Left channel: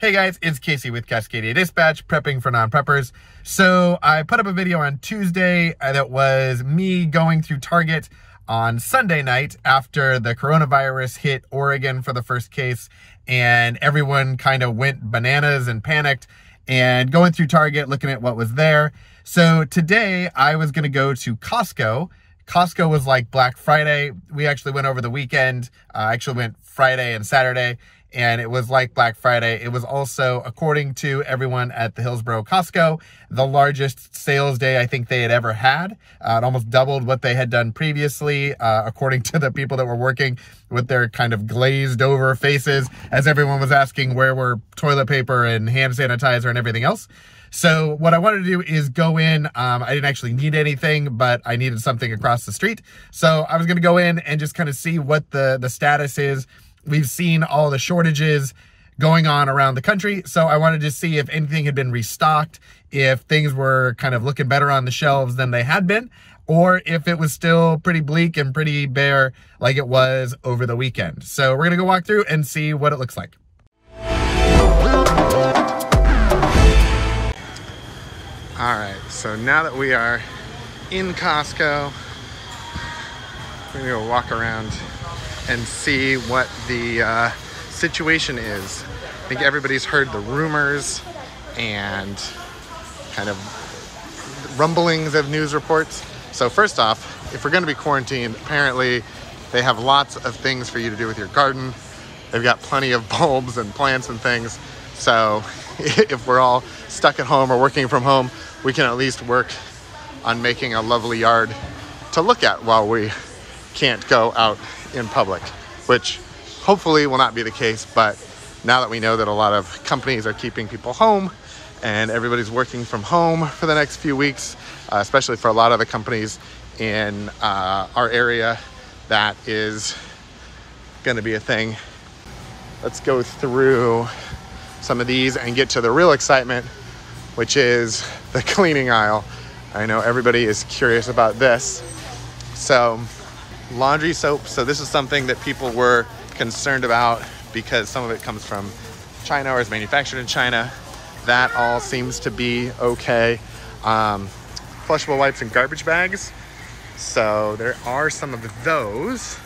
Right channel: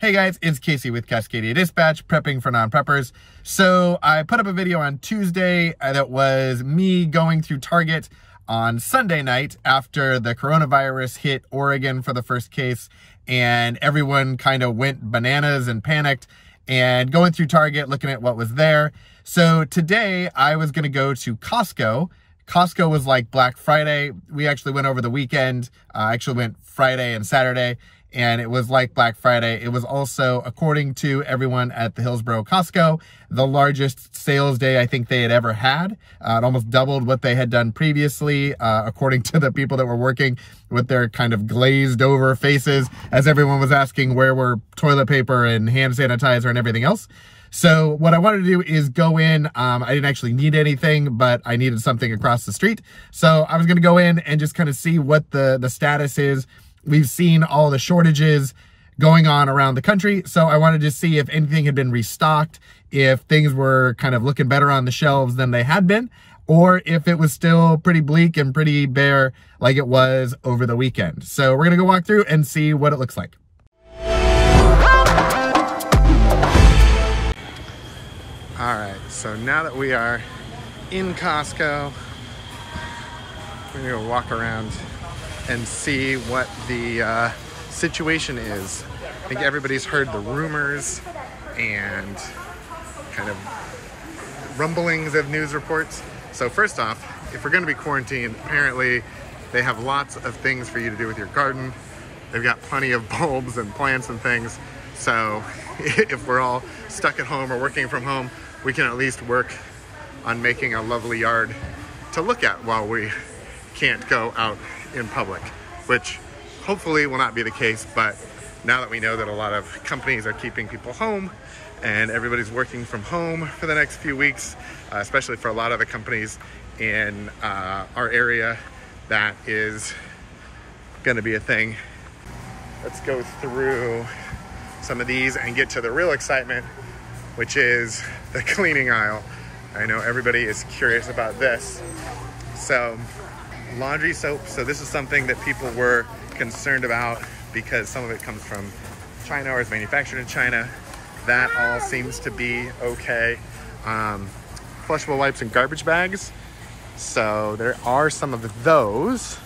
Hey guys, it's Casey with Cascadia Dispatch, prepping for non-preppers. So I put up a video on Tuesday that was me going through Target on Sunday night after the coronavirus hit Oregon for the first case, and everyone kind of went bananas and panicked, and going through Target, looking at what was there. So today I was gonna go to Costco. Costco was like Black Friday. We actually went over the weekend. I actually went Friday and Saturday, and it was like Black Friday. It was also, according to everyone at the Hillsboro Costco, the largest sales day I think they had ever had. It almost doubled what they had done previously, according to the people that were working with their kind of glazed over faces as everyone was asking where were toilet paper and hand sanitizer and everything else. So what I wanted to do is go in. I didn't actually need anything, but I needed something across the street. So I was gonna go in and just kind of see what the status is. We've seen all the shortages going on around the country, so I wanted to see if anything had been restocked, if things were kind of looking better on the shelves than they had been, or if it was still pretty bleak and pretty bare like it was over the weekend. So we're gonna go walk through and see what it looks like. All right, so now that we are in Costco, we're gonna go walk around and see what the situation is. I think everybody's heard the rumors and kind of rumblings of news reports. So first off, if we're gonna be quarantined, apparently they have lots of things for you to do with your garden. They've got plenty of bulbs and plants and things. So if we're all stuck at home or working from home, we can at least work on making a lovely yard to look at while we can't go out in public, which hopefully will not be the case. But now that we know that a lot of companies are keeping people home and everybody's working from home for the next few weeks, especially for a lot of the companies in our area, that is going to be a thing. Let's go through some of these and get to the real excitement, which is the cleaning aisle. I know everybody is curious about this. So laundry soap. So this is something that people were concerned about because some of it comes from China or is manufactured in China. That all seems to be okay. Flushable wipes and garbage bags. So there are some of those.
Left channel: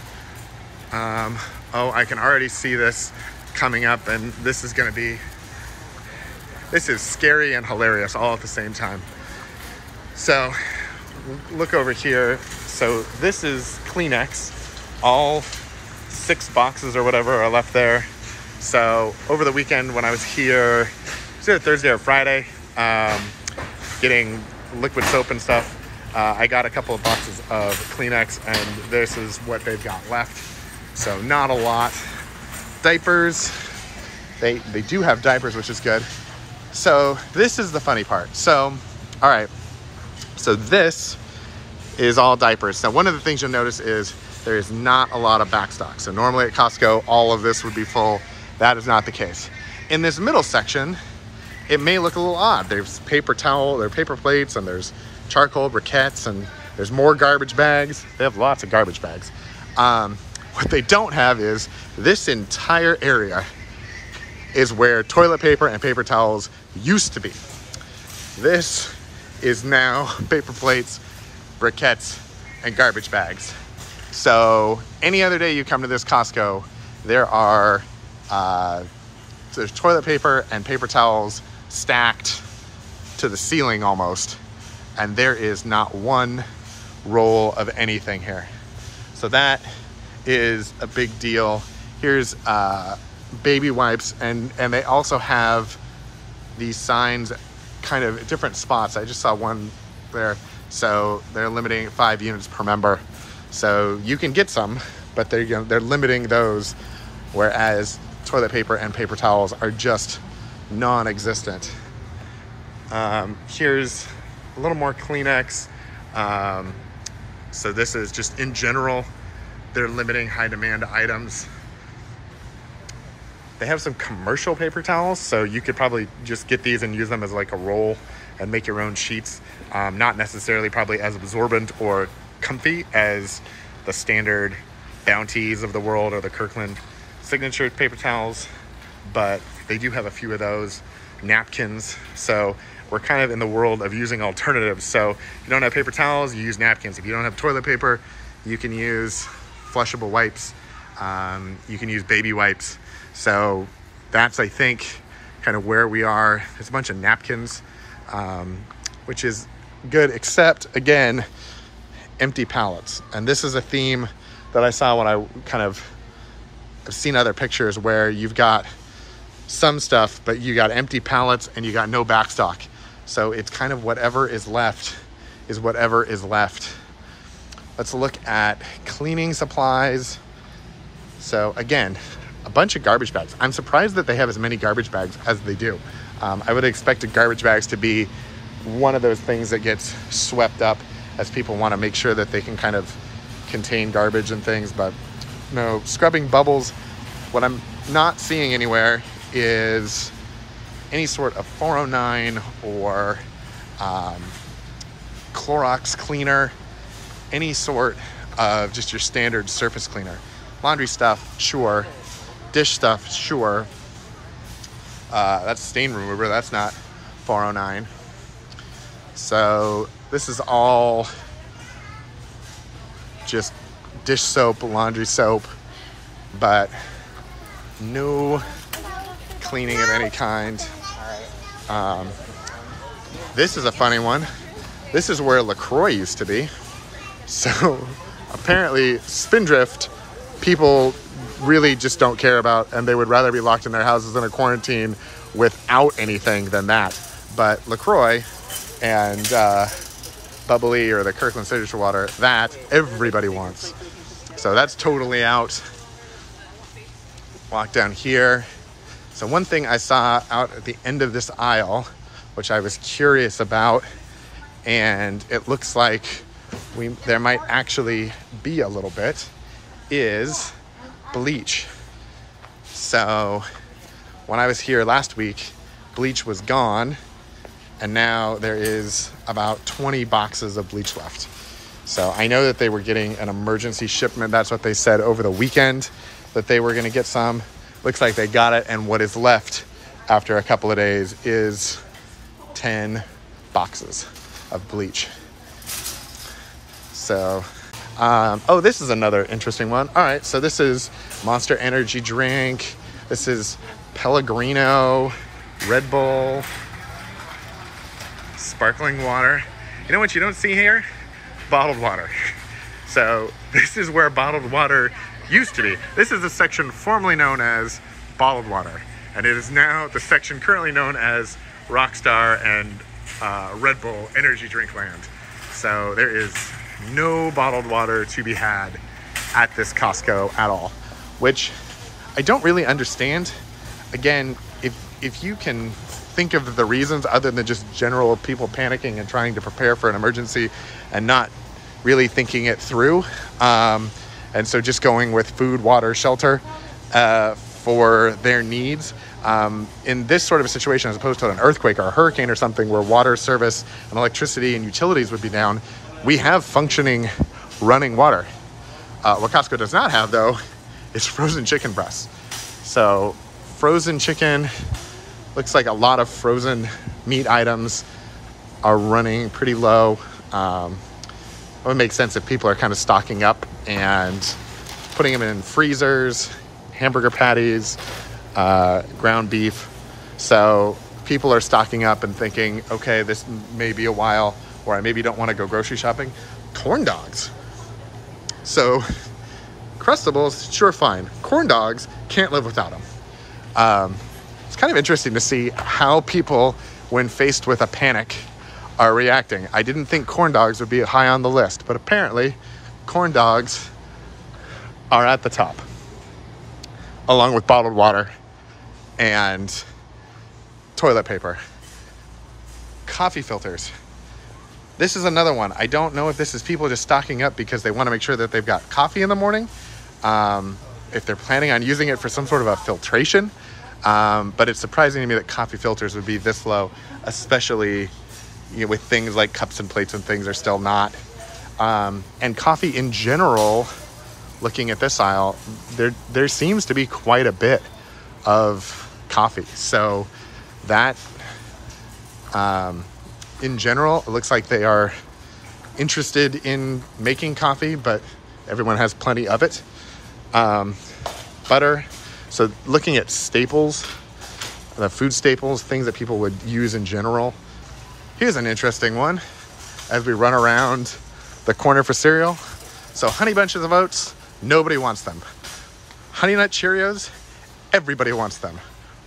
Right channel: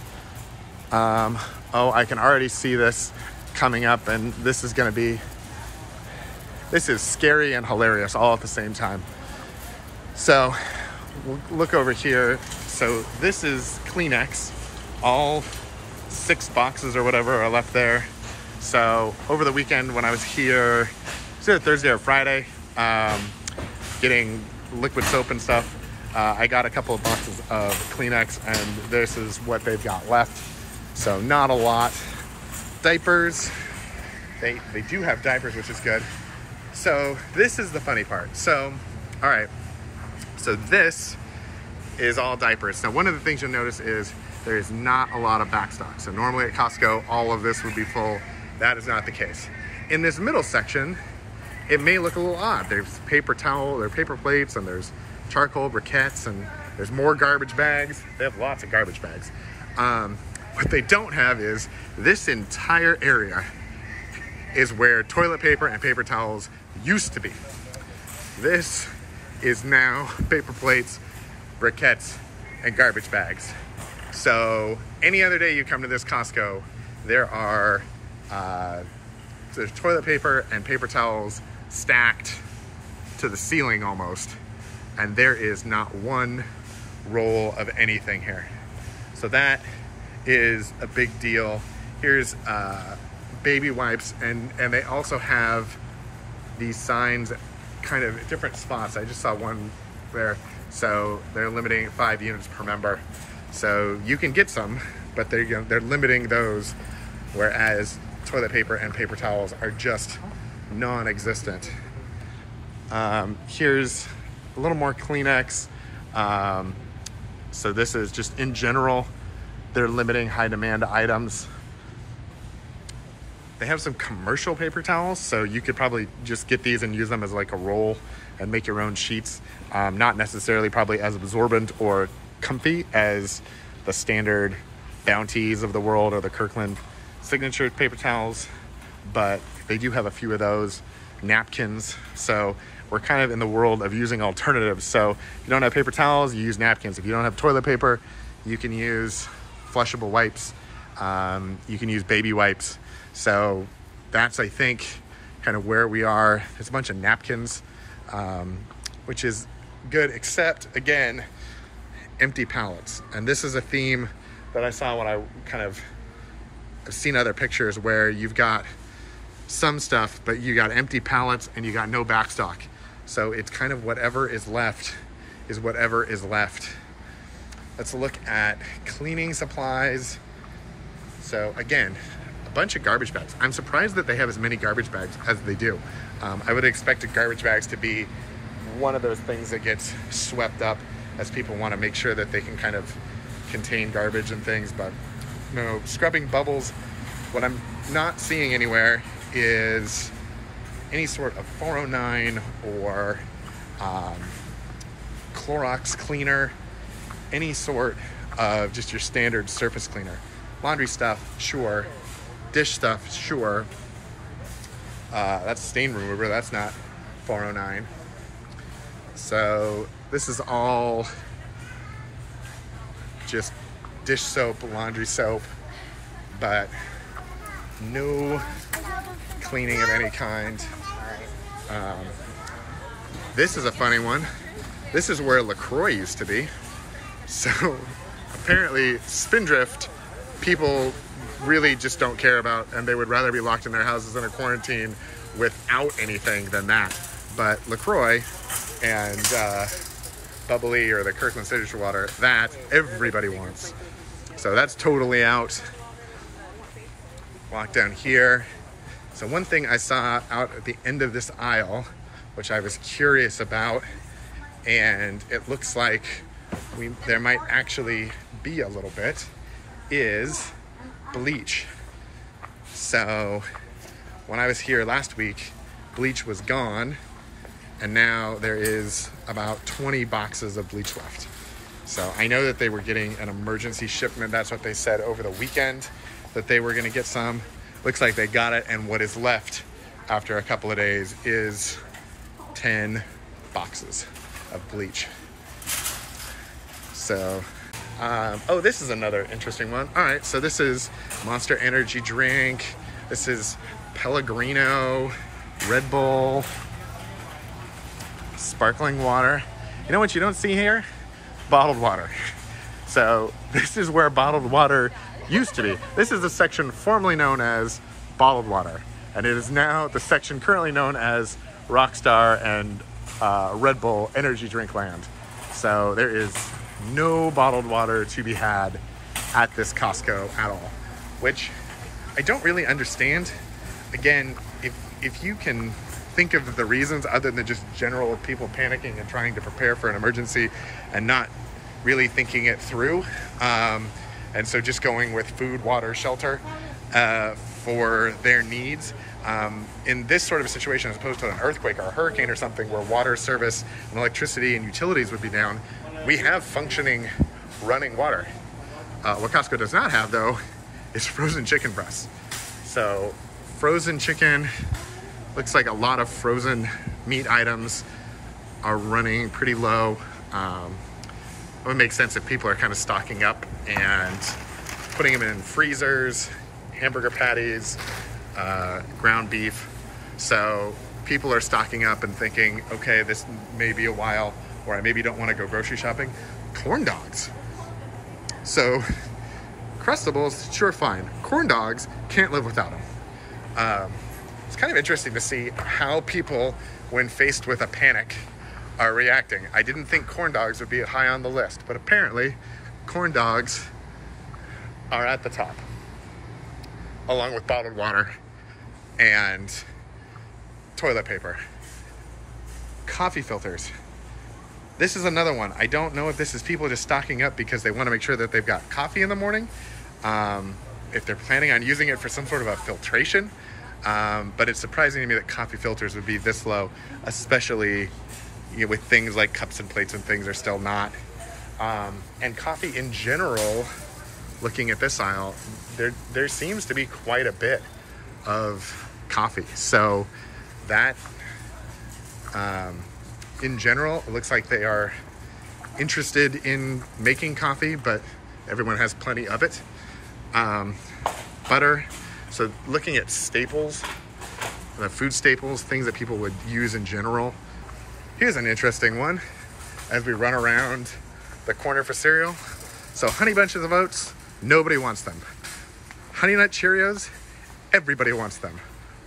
Oh, I can already see this coming up, and this is scary and hilarious all at the same time. So we'll look over here. So this is Kleenex. All 6 boxes or whatever are left there. So over the weekend when I was here, it was either Thursday or Friday, getting liquid soap and stuff, I got a couple of boxes of Kleenex, and this is what they've got left. So not a lot. Diapers, they do have diapers, which is good. So this is the funny part. So, all right, so this is all diapers. Now, one of the things you'll notice is there is not a lot of backstock. So normally at Costco, all of this would be full. That is not the case. In this middle section, it may look a little odd. There's paper towel, there are paper plates, and there's charcoal briquettes, and there's more garbage bags. They have lots of garbage bags. What they don't have is this entire area is where toilet paper and paper towels used to be. This is now paper plates, briquettes, and garbage bags. So any other day you come to this Costco, there are there's toilet paper and paper towels stacked to the ceiling almost, and there is not one roll of anything here. So that is a big deal. Here's baby wipes, and they also have these signs kind of at different spots. I just saw one there. So they're limiting 5 units per member. So you can get some, but they're limiting those, whereas toilet paper and paper towels are just non-existent. Here's a little more Kleenex. So this is just in general, they're limiting high demand items. They have some commercial paper towels, so you could probably just get these and use them as like a roll and make your own sheets. Not necessarily probably as absorbent or comfy as the standard Bounties of the world or the Kirkland Signature paper towels, but they do have a few of those. Napkins. So we're kind of in the world of using alternatives. So if you don't have paper towels, you use napkins. If you don't have toilet paper, you can use flushable wipes. You can use baby wipes. So that's, I think, kind of where we are. There's a bunch of napkins, which is good, except, again, empty pallets. And this is a theme that I saw when I I've seen other pictures where you've got some stuff, but you got empty pallets and you got no backstock. So it's kind of whatever is left is whatever is left. Let's look at cleaning supplies. So again, a bunch of garbage bags. I'm surprised that they have as many garbage bags as they do. I would have expected garbage bags to be one of those things that gets swept up as people want to make sure that they can kind of contain garbage and things, but no. Scrubbing bubbles. What I'm not seeing anywhere is any sort of 409 or Clorox cleaner, any sort of just your standard surface cleaner. Laundry stuff, sure. Dish stuff, sure. That's stain remover, that's not 409. So this is all just dish soap, laundry soap, but no cleaning of any kind. This is a funny one. This is where LaCroix used to be. So apparently Spindrift people really just don't care about, and they would rather be locked in their houses in a quarantine without anything than that. But LaCroix and Bubbly or the Kirkland Signature Water, that everybody wants. So that's totally out. Walk down here. So one thing I saw out at the end of this aisle, which I was curious about, and it looks like there might actually be a little bit, is bleach. So when I was here last week, bleach was gone, and now there is about 20 boxes of bleach left. So I know that they were getting an emergency shipment. That's what they said over the weekend, that they were going to get some. Looks like they got it, and what is left after a couple of days is 10 boxes of bleach. So, oh, this is another interesting one. All right, so this is Monster Energy drink. This is Pellegrino, Red Bull, sparkling water. You know what you don't see here? Bottled water. So this is where bottled water used to be. This is the section formerly known as bottled water, and it is now the section currently known as Rockstar and Red Bull energy drink land. So there is no bottled water to be had at this Costco at all, which I don't really understand. Again, if you can think of the reasons other than just general people panicking and trying to prepare for an emergency and not really thinking it through, and so just going with food, water, shelter for their needs. In this sort of a situation, as opposed to an earthquake or a hurricane or something where water service and electricity and utilities would be down, we have functioning running water. What Costco does not have, though, is frozen chicken breasts. So frozen chicken, looks like a lot of frozen meat items are running pretty low. It would make sense if people are kind of stocking up and putting them in freezers, hamburger patties, ground beef. So people are stocking up and thinking, okay, this may be a while, or I maybe don't want to go grocery shopping. Corn dogs. So Crustables, sure, fine. Corn dogs, can't live without them. It's kind of interesting to see how people, when faced with a panic, are reacting. I didn't think corn dogs would be high on the list, but apparently corn dogs are at the top, along with bottled water and toilet paper. Coffee filters. This is another one. I don't know if this is people just stocking up because they want to make sure that they've got coffee in the morning, if they're planning on using it for some sort of a filtration. But it's surprising to me that coffee filters would be this low, especially with things like cups and plates and things are still not. And coffee in general, looking at this aisle, there seems to be quite a bit of coffee. So that, in general, it looks like they are interested in making coffee, but everyone has plenty of it. Butter. So looking at staples, the food staples, things that people would use in general. Here's an interesting one as we run around the corner for cereal. So Honey Bunches of Oats, nobody wants them. Honey Nut Cheerios, everybody wants them.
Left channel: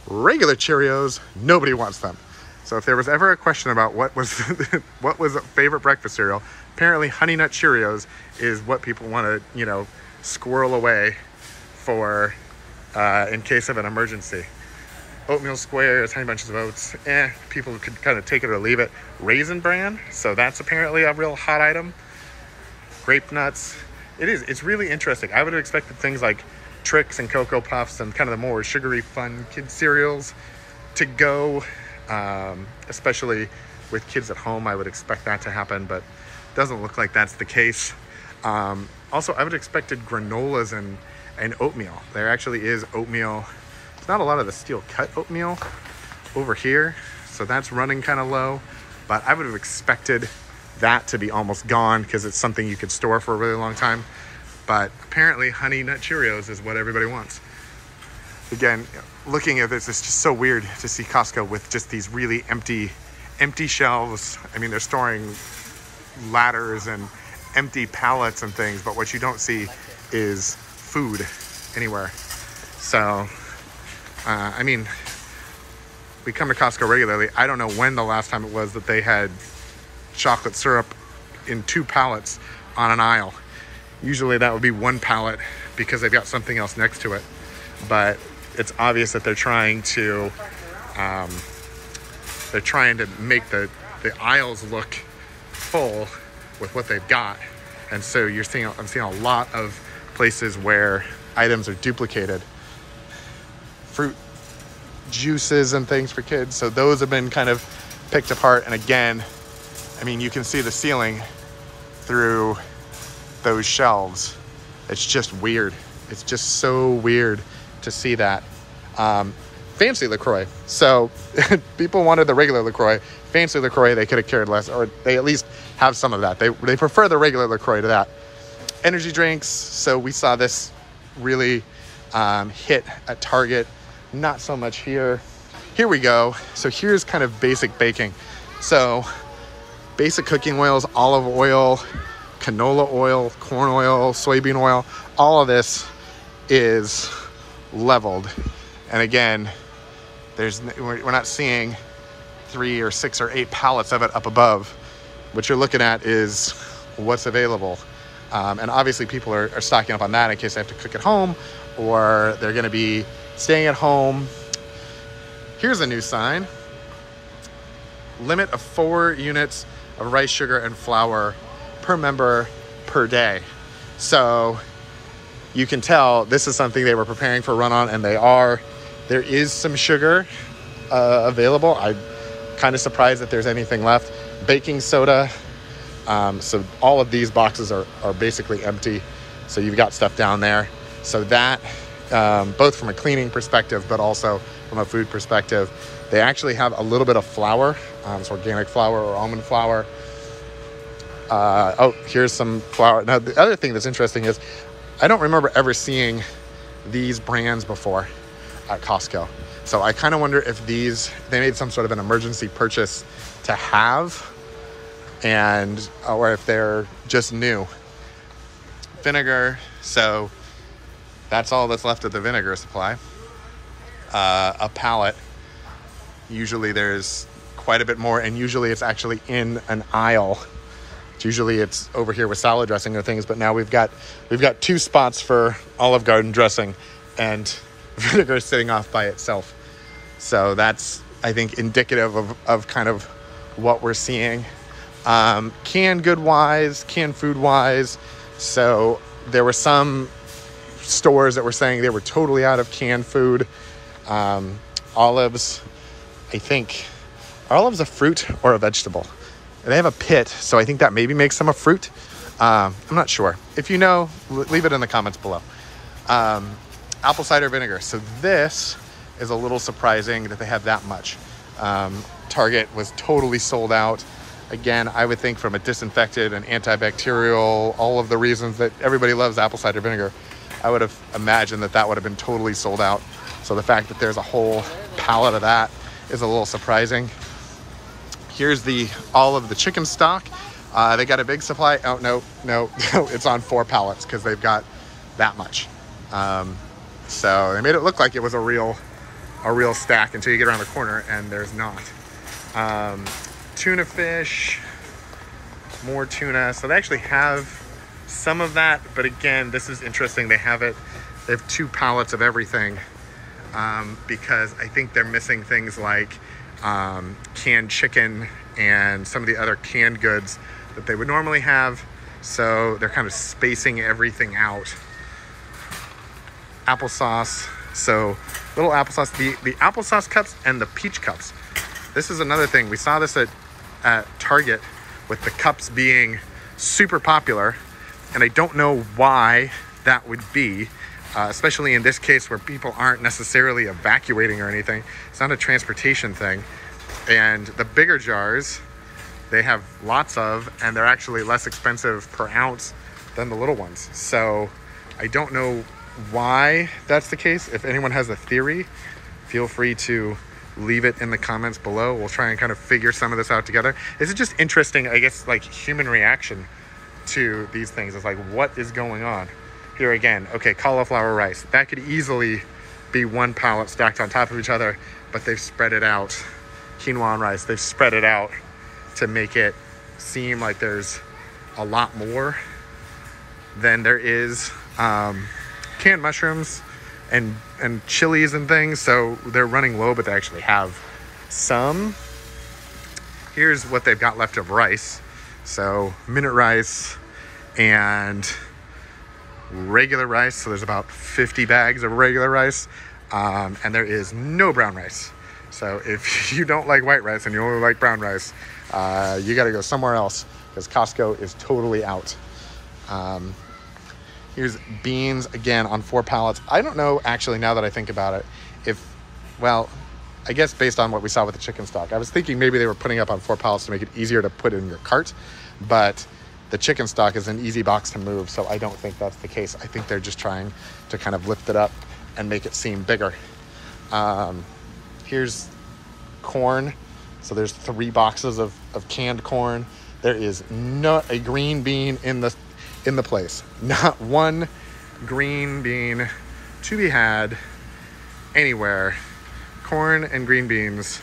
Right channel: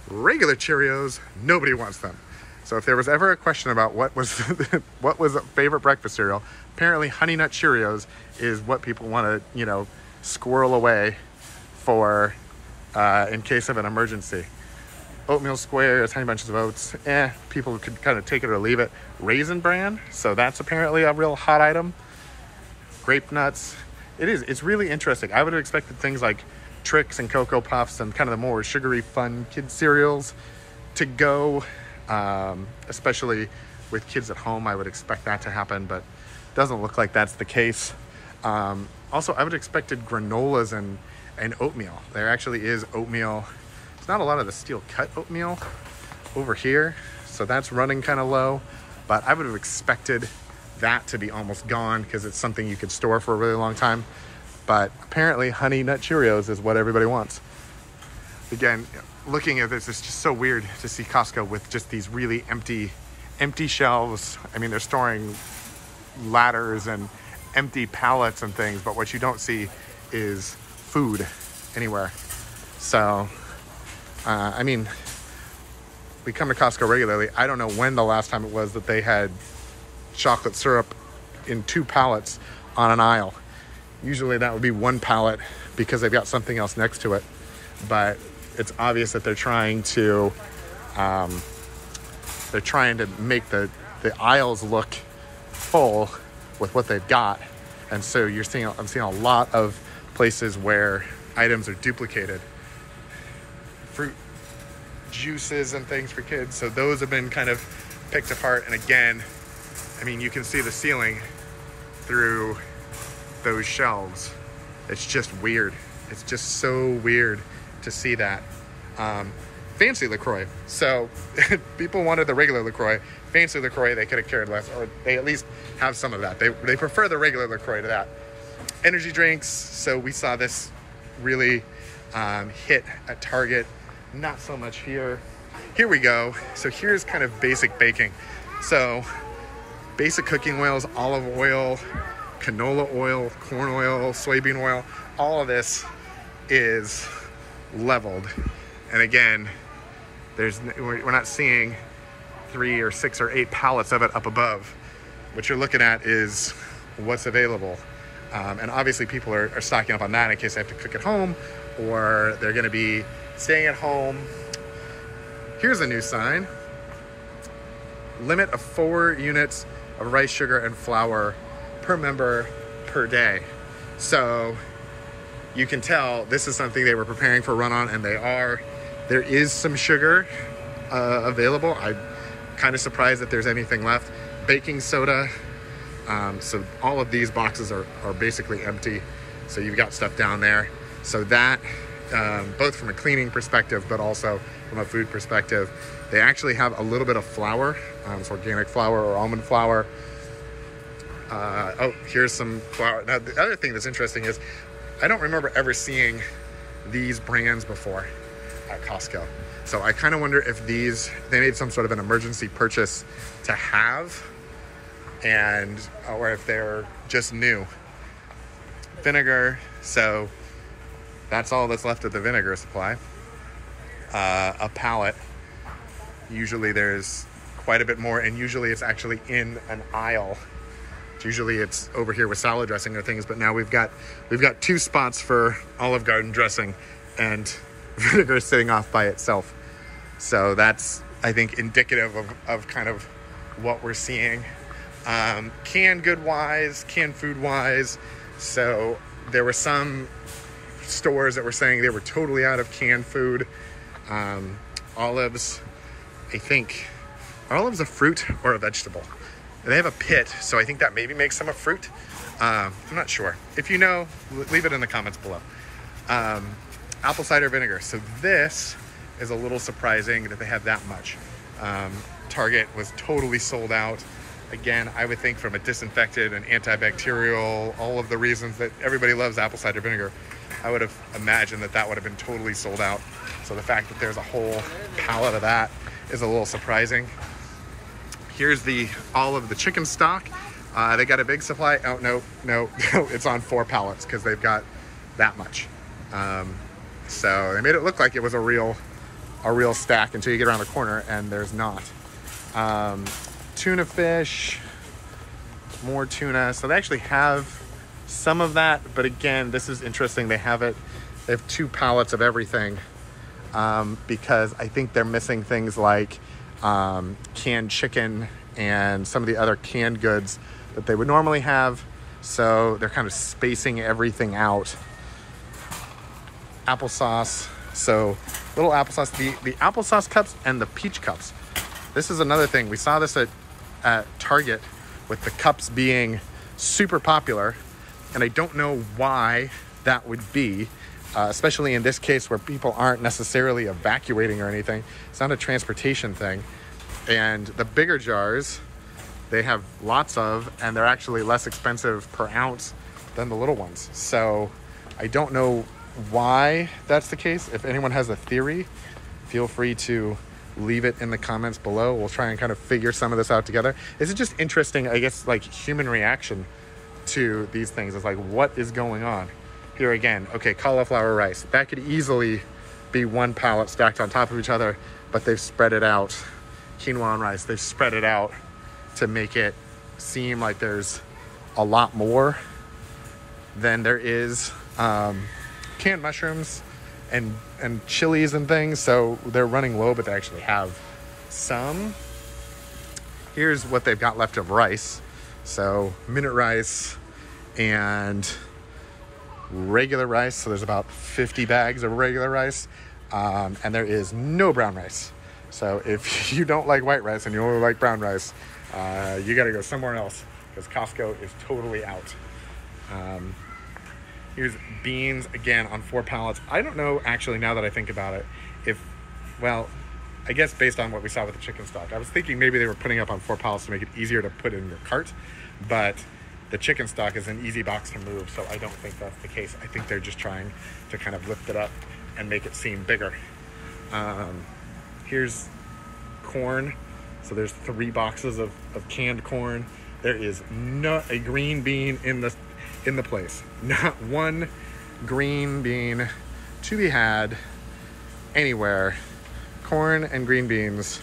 Regular Cheerios, nobody wants them. So if there was ever a question about what was what was a favorite breakfast cereal, apparently Honey Nut Cheerios is what people want to, you know, squirrel away for in case of an emergency. Oatmeal Squares, Honey Bunches of Oats, people could kind of take it or leave it. Raisin Bran, so that's apparently a real hot item. Grape Nuts, it's really interesting. I would have expected things like Trix and Cocoa Puffs and kind of the more sugary, fun kid cereals to go, especially with kids at home. I would expect that to happen, but doesn't look like that's the case. Also, I would have expected granolas and oatmeal. There actually is oatmeal. It's not a lot of the steel cut oatmeal over here, so that's running kind of low, but I would have expected that to be almost gone because it's something you could store for a really long time. But apparently Honey Nut Cheerios is what everybody wants. Again, looking at this, it's just so weird to see Costco with just these really empty shelves. I mean, they're storing ladders and empty pallets and things, but what you don't see is food anywhere. So, I mean, we come to Costco regularly. I don't know when the last time it was that they had chocolate syrup in 2 pallets on an aisle. Usually that would be 1 pallet because they've got something else next to it. But it's obvious that they're trying to make the aisles look full with what they've got. And so I'm seeing a lot of places where items are duplicated. Fruit juices and things for kids. So those have been kind of picked apart. And again, I mean, you can see the ceiling through those shelves. It's just weird. It's just so weird to see that. Fancy LaCroix. So people wanted the regular LaCroix. Fancy LaCroix, they could have cared less, or they at least have some of that. They prefer the regular LaCroix to that. Energy drinks. So we saw this really hit at Target. Not so much here. Here we go. So here's kind of basic baking. So basic cooking oils, olive oil, canola oil, corn oil, soybean oil, all of this is leveled. And again, we're not seeing 3 or 6 or 8 pallets of it up above. What you're looking at is what's available. And obviously people are stocking up on that in case they have to cook at home or they're gonna be staying at home. Here's a new sign. Limit of 4 units of rice, sugar, and flour per member per day. So you can tell this is something they were preparing for run on, and they are. There is some sugar available. I'm kind of surprised that there's anything left. Baking soda. So all of these boxes are basically empty. So you've got stuff down there. So that, both from a cleaning perspective, but also from a food perspective, they actually have a little bit of flour. It's organic flour or almond flour. Oh, here's some flour. Now, the other thing that's interesting is I don't remember ever seeing these brands before at Costco. So I kind of wonder if they made some sort of an emergency purchase to have, or if they're just new. Vinegar. So that's all that's left of the vinegar supply. A pallet. Usually there's quite a bit more, and usually it's actually in an aisle. Usually it's over here with salad dressing or things, but now we've got 2 spots for Olive Garden dressing, and vinegar sitting off by itself. So that's, I think, indicative of kind of what we're seeing. Canned good wise, canned food wise. So there were some stores that were saying they were totally out of canned food. Olives, I think, are olives a fruit or a vegetable? They have a pit, so I think that maybe makes them a fruit. I'm not sure. If you know, leave it in the comments below. Apple cider vinegar. So this is a little surprising that they have that much. Target was totally sold out. Again, I would think from a disinfected and antibacterial, all of the reasons that everybody loves apple cider vinegar, I would have imagined that that would have been totally sold out. So the fact that there's a whole pallet of that is a little surprising. Here's all of the chicken stock. They got a big supply. Oh, no, it's on 4 pallets because they've got that much. So they made it look like it was a real stack until you get around the corner and there's not. Tuna fish, more tuna. So they actually have some of that, but again, this is interesting. They have 2 pallets of everything, because I think they're missing things like canned chicken and some of the other canned goods that they would normally have. So they're kind of spacing everything out. Applesauce. So little applesauce, the applesauce cups and the peach cups. This is another thing. We saw this at Target with the cups being super popular. And I don't know why that would be, especially in this case where people aren't necessarily evacuating or anything. It's not a transportation thing. And the bigger jars, they have lots of, and they're actually less expensive per ounce than the little ones. So I don't know why that's the case. If anyone has a theory, feel free to leave it in the comments below. We'll try and kind of figure some of this out together. This is just interesting, I guess, like human reaction to these things. It's like, what is going on? Here again, okay, cauliflower rice. That could easily be 1 pallet stacked on top of each other, but they've spread it out. Quinoa and rice, they've spread it out to make it seem like there's a lot more than there is. Canned mushrooms and chilies and things, so they're running low, but they actually have some. Here's what they've got left of rice. So minute rice and regular rice. So there's about 50 bags of regular rice, and there is no brown rice. So if you don't like white rice and you only like brown rice, you got to go somewhere else because Costco is totally out. Here's beans, again, on 4 pallets. I don't know, actually, now that I think about it, well, I guess based on what we saw with the chicken stock, I was thinking maybe they were putting up on 4 pallets to make it easier to put in your cart, but the chicken stock is an easy box to move, so I don't think that's the case. I think they're just trying to kind of lift it up and make it seem bigger. Here's corn. So there's 3 boxes of canned corn. There is not a green bean in the place. Not one green bean to be had anywhere. Corn and green beans,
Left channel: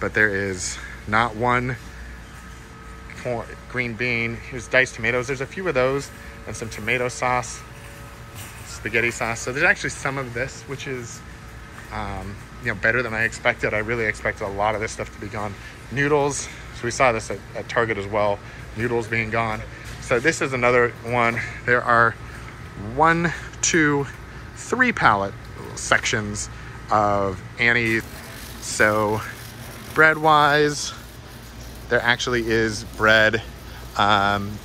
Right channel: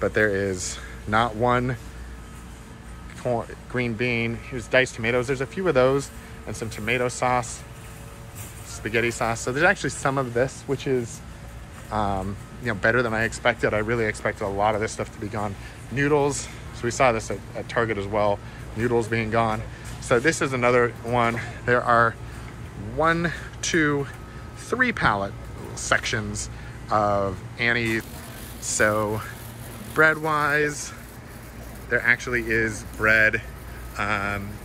but there is not one green bean. Here's diced tomatoes. There's a few of those and some tomato sauce, spaghetti sauce. So there's actually some of this, which is better than I expected. I really expected a lot of this stuff to be gone. Noodles. So we saw this at Target as well. Noodles being gone. So this is another one. There are 1, 2, 3 pallet sections of Annie. So bread wise, there actually is bread, and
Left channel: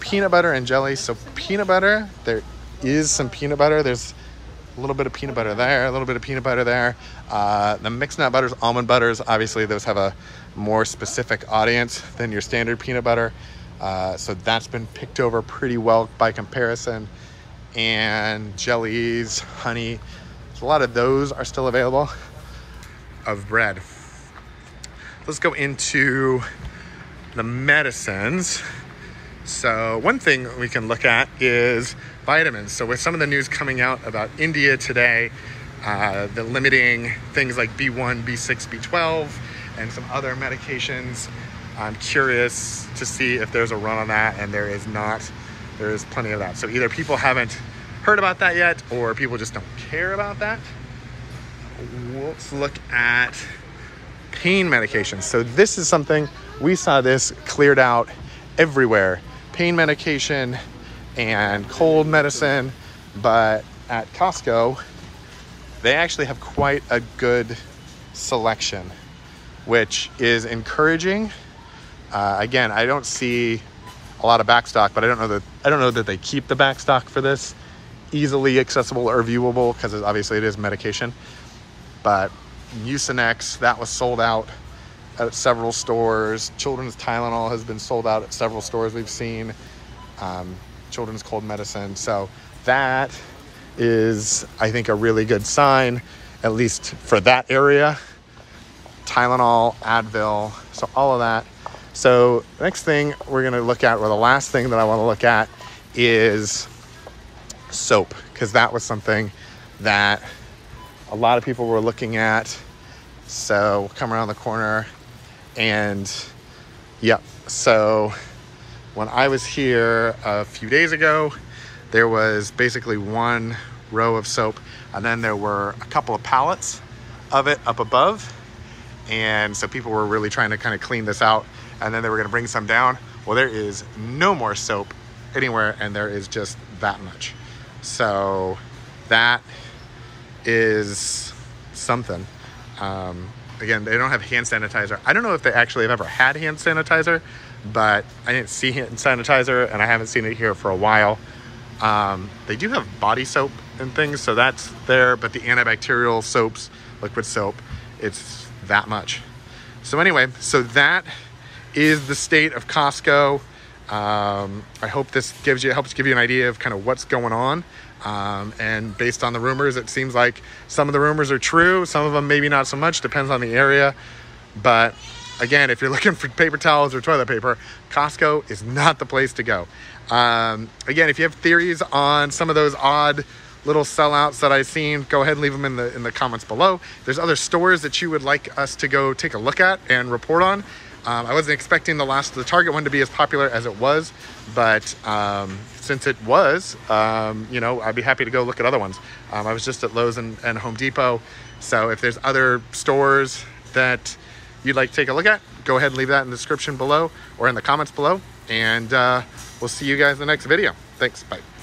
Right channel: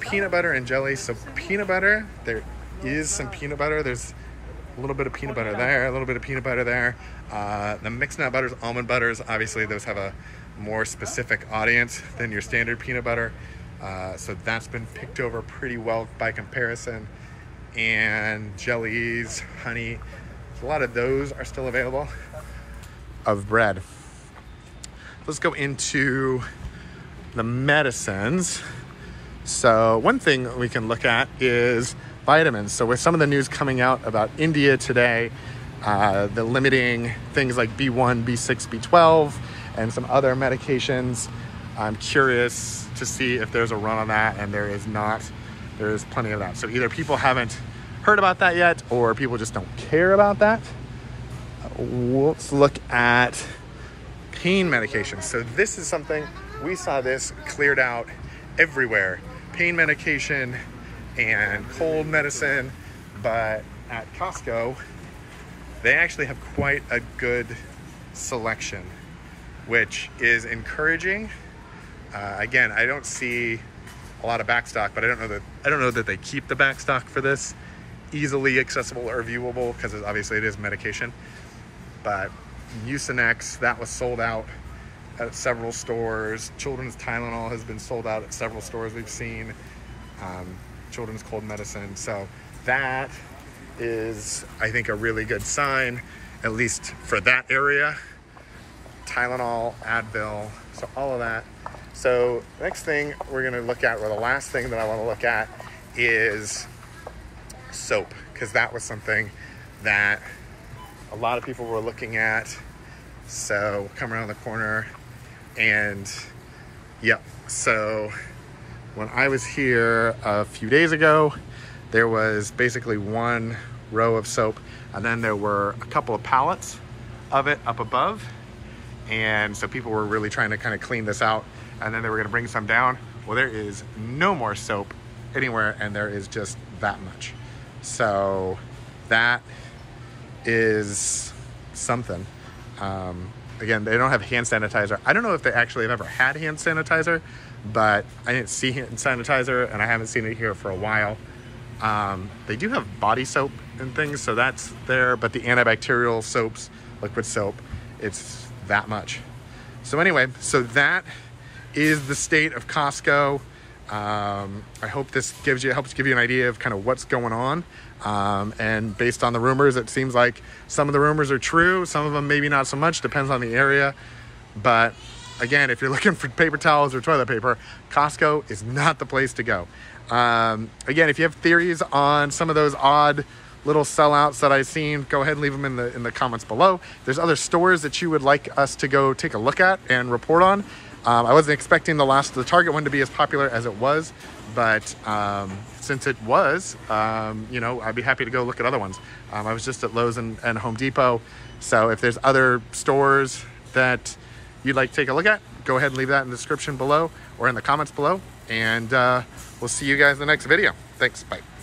peanut butter and jelly. So peanut butter, there is some peanut butter. There's a little bit of peanut butter there, a little bit of peanut butter there. The mixed nut butters, almond butters, obviously those have a more specific audience than your standard peanut butter. So that's been picked over pretty well by comparison. And jellies, honey, so a lot of those are still available of bread. Let's go into the medicines. So one thing we can look at is vitamins. So with some of the news coming out about India today, the limiting things like B1, B6, B12, and some other medications, I'm curious to see if there's a run on that, and there is not. There is plenty of that. So either people haven't heard about that yet, or people just don't care about that. Let's look at pain medication. So this is something, we saw this cleared out everywhere. Pain medication and cold medicine, but at Costco, they actually have quite a good selection, which is encouraging. Again, I don't see a lot of backstock, but I don't know that they keep the backstock for this easily accessible or viewable because obviously it is medication. But Mucinex, that was sold out at several stores. Children's Tylenol has been sold out at several stores we've seen. Children's cold medicine. So that is, I think, a really good sign, at least for that area. Tylenol, Advil, so all of that. So the next thing we're going to look at, or the last thing that I want to look at, is soap, because that was something that a lot of people were looking at. So we'll come around the corner, and yeah, so when I was here a few days ago, there was basically one row of soap, and then there were a couple of pallets of it up above. And so people were really trying to kind of clean this out, and then they were going to bring some down. Well, there is no more soap anywhere, and there is just that much. So that is something. Again, they don't have hand sanitizer. I don't know if they actually have ever had hand sanitizer, but I didn't see hand sanitizer, and I haven't seen it here for a while. They do have body soap and things, so that's there, but the antibacterial soaps, liquid soap, it's that much. So anyway, so that is the state of Costco. I hope this helps give you an idea of kind of what's going on. And based on the rumors, it seems like some of the rumors are true. Some of them maybe not so much, depends on the area. But again, if you're looking for paper towels or toilet paper, Costco is not the place to go. Again, if you have theories on some of those odd little sellouts that I've seen, go ahead and leave them in the comments below. If there's other stores that you would like us to go take a look at and report on. I wasn't expecting the Target one to be as popular as it was, but since it was, you know, I'd be happy to go look at other ones. I was just at Lowe's and Home Depot. So if there's other stores that you'd like to take a look at, go ahead and leave that in the description below or in the comments below. And we'll see you guys in the next video. Thanks, bye.